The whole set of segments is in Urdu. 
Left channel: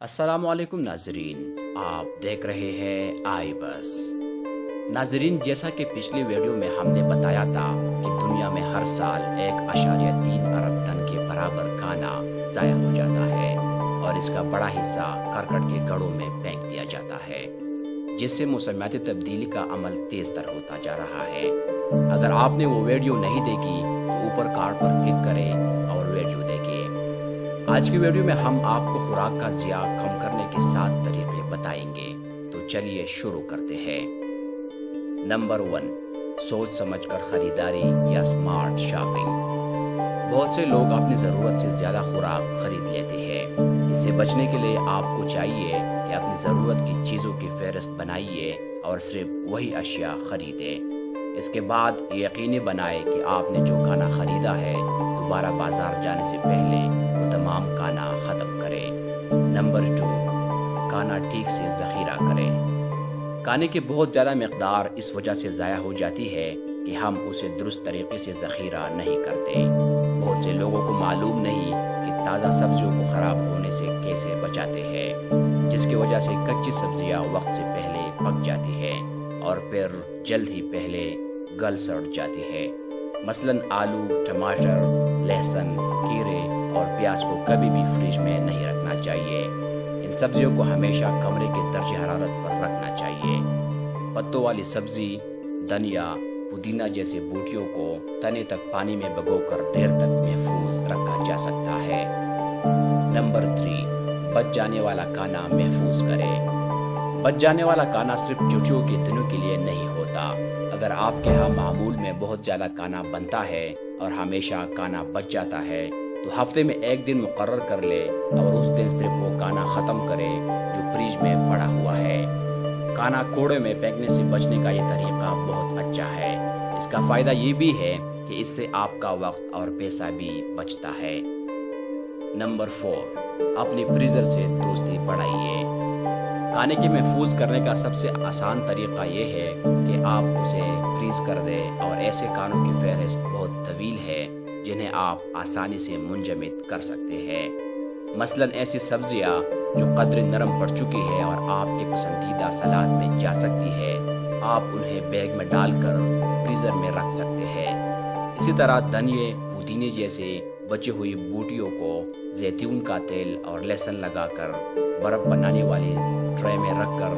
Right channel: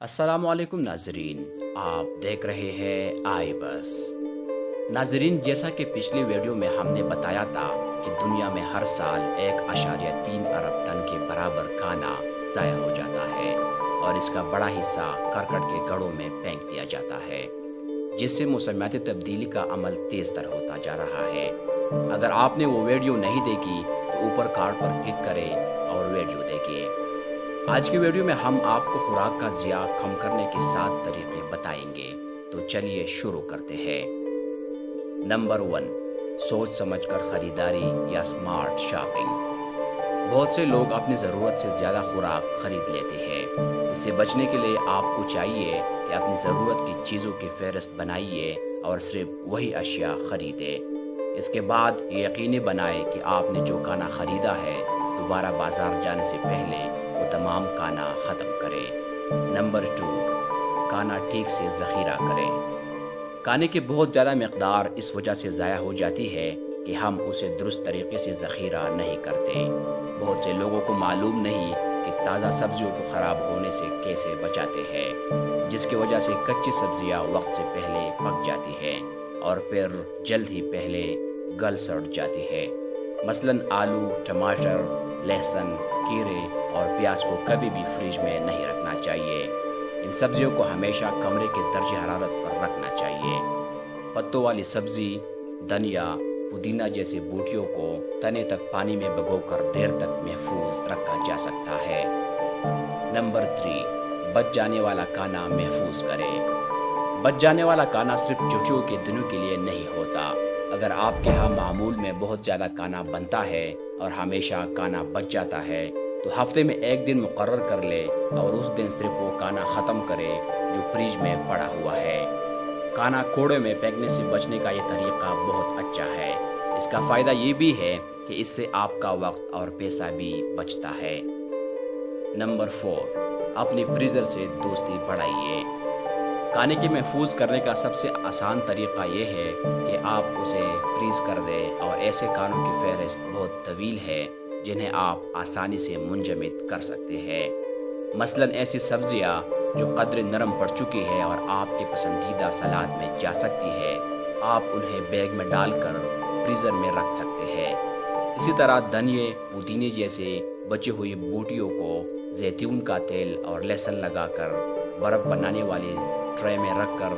السلام علیکم ناظرین، آپ دیکھ رہے ہیں آئی بس۔ ناظرین، جیسا کہ پچھلی ویڈیو میں ہم نے بتایا تھا کہ دنیا میں ہر سال 1.3 ارب ٹن کے برابر کانا ضائع ہو جاتا ہے اور اس کا بڑا حصہ کرکٹ کے گڑھوں میں پھینک دیا جاتا ہے، جس سے موسمیاتی تبدیلی کا عمل تیز تر ہوتا جا رہا ہے۔ اگر آپ نے وہ ویڈیو نہیں دیکھی تو اوپر کارڈ پر کلک کریں اور ویڈیو دیکھیں۔ آج کی ویڈیو میں ہم آپ کو خوراک کا ضیاع کم کرنے کے 7 طریقے بتائیں گے، تو چلیے شروع کرتے ہیں۔ نمبر 1، سوچ سمجھ کر خریداری یا سمارٹ شاپنگ۔ بہت سے لوگ اپنی ضرورت سے زیادہ خوراک خرید لیتے ہیں۔ اس سے بچنے کے لیے آپ کو چاہیے کہ اپنی ضرورت کی چیزوں کی فہرست بنائیے اور صرف وہی اشیاء خریدیں۔ اس کے بعد یہ یقینی بنائیں کہ آپ نے جو کھانا خریدا ہے دوبارہ بازار جانے سے پہلے وہ تمام کھانا ختم کریں۔ نمبر 2، کھانا ٹھیک سے ذخیرہ کریں۔ کھانے کی بہت زیادہ مقدار اس وجہ سے ضائع ہو جاتی ہے کہ ہم اسے درست طریقے سے ذخیرہ نہیں کرتے۔ بہت سے لوگوں کو معلوم نہیں کہ تازہ سبزیوں کو خراب ہونے سے کیسے بچاتے ہیں، جس کی وجہ سے کچی سبزیاں وقت سے پہلے پک جاتی ہیں اور پھر جلد ہی پہلے گل سڑ جاتی ہے۔ مثلاً آلو، ٹماٹر، لہسن، کھیرے اور پیاز کو کبھی بھی فریج میں نہیں رکھنا چاہیے۔ ان سبزیوں کو ہمیشہ کمرے کے درجہ حرارت پر رکھنا چاہیے۔ پتوں والی سبزی، دھنیا، پودینہ جیسے بوٹیوں کو تنے تک پانی میں بھگو کر دیر تک محفوظ رکھا جا سکتا ہے۔ نمبر 3، بچ جانے والا کھانا محفوظ کریں۔ بچ جانے والا کھانا صرف چھٹیوں کے دنوں کے لیے نہیں ہوتا۔ اگر آپ کے ہاں معمول میں بہت زیادہ کھانا بنتا ہے اور ہمیشہ کھانا بچ جاتا ہے تو ہفتے میں ایک دن مقرر کر لے اور اس دن صرف وہ کھانا ختم کرے جو فریج میں پڑا ہوا ہے۔ کھانا کوڑے میں پھینکنے سے بچنے کا یہ طریقہ بہت اچھا ہے۔ اس کا فائدہ یہ بھی ہے کہ اس سے آپ کا وقت اور پیسہ بھی بچتا ہے۔ نمبر 4، اپنی فریزر سے دوستی بڑھائیے۔ کھانے کے محفوظ کرنے کا سب سے آسان طریقہ یہ ہے کہ آپ اسے فریز کر دیں، اور ایسے کھانوں کی فہرست بہت طویل ہے جنہیں آپ آسانی سے منجمد کر سکتے ہیں۔ مثلاً ایسی سبزیاں جو قدرے نرم پڑ چکی ہے اور آپ کے پسندیدہ سلاد میں جا سکتی ہے، آپ انہیں بیگ میں ڈال کر فریزر میں رکھ سکتے ہیں۔ اسی طرح دھنیے، پودینے جیسے بچی ہوئی بوٹیوں کو زیتون کا تیل اور لہسن لگا کر برف بنانے والی ٹرے میں رکھ کر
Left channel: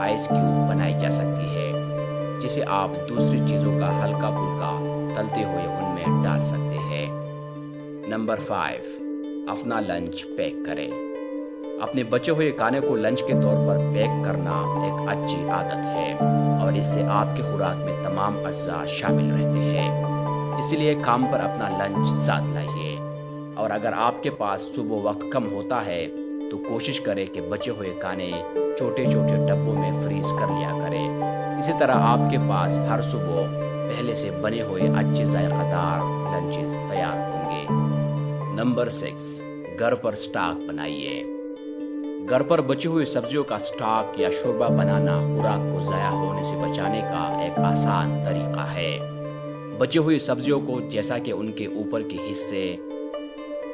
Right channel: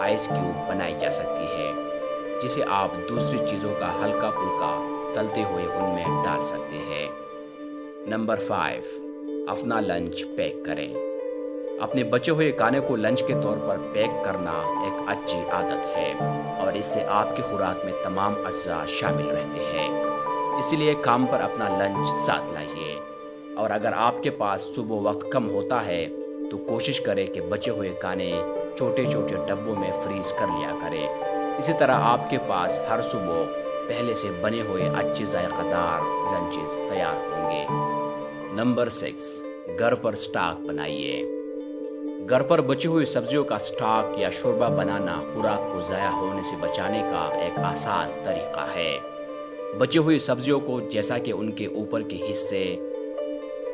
آئس کیوب بنائی جا سکتی ہے، جسے آپ دوسری چیزوں کا ہلکا پھلکا تلتے ہوئے ان میں ڈال سکتے ہیں۔ نمبر 5، اپنا لنچ پیک کریں۔ اپنے بچے ہوئے کھانے کو لنچ کے طور پر پیک کرنا ایک اچھی عادت ہے، اور اس سے آپ کی خوراک میں تمام اجزاء شامل رہتے ہیں۔ اسی لیے کام پر اپنا لنچ ساتھ لائیے، اور اگر آپ کے پاس صبح وقت کم ہوتا ہے تو کوشش کریں کہ بچے ہوئے کھانے چھوٹے چھوٹے ڈبوں میں فریز کر لیا کریں۔ اسی طرح آپ کے پاس ہر صبح پہلے سے بنے ہوئے اچھے ذائقہ دار لنچز تیار ہوں گے۔ نمبر 6، گھر پر سٹاک بنائیے۔ گھر پر بچی ہوئی سبزیوں کا سٹاک یا شوربہ بنانا خوراک کو ضائع ہونے سے بچانے کا ایک آسان طریقہ ہے۔ بچی ہوئی سبزیوں کو جیسا کہ ان کے اوپر کے حصے،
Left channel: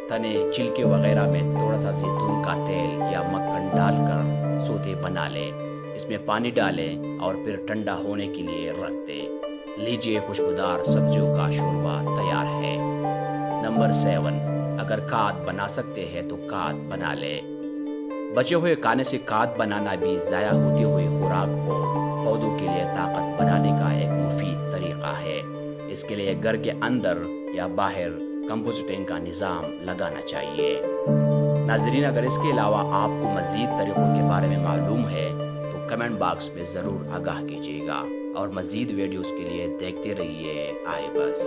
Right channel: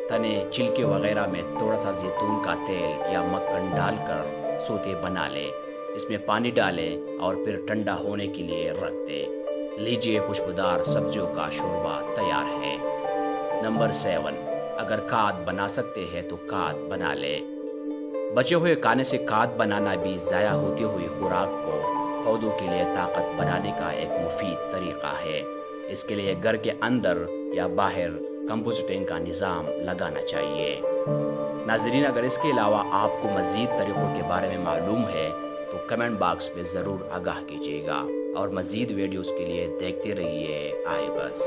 تنے، چھلکے وغیرہ میں تھوڑا سا زیتون کا تیل یا مکھن ڈال کر سوتے بنا لیں۔ اس میں پانی ڈالیں اور پھر ٹھنڈا ہونے کے لیے رکھ دیں۔ لیجیے، خوشبودار سبزیوں کا شوربہ تیار ہے۔ نمبر 7، اگر کھاد بنا سکتے ہیں تو کھاد بنا لیں۔ بچے ہوئے کھانے سے کھاد بنانا بھی ضائع ہوتی ہوئی خوراک کو پودوں کے لیے طاقت بنانے کا ایک مفید طریقہ ہے۔ اس کے لیے گھر کے اندر یا باہر کمپوسٹنگ کا نظام لگانا چاہیے۔ ناظرین، اگر اس کے علاوہ آپ کو مزید طریقوں کے بارے میں معلوم ہے تو کمنٹ باکس میں ضرور آگاہ کیجیے گا، اور مزید ویڈیوز کے لیے دیکھتے رہیے آئی بس۔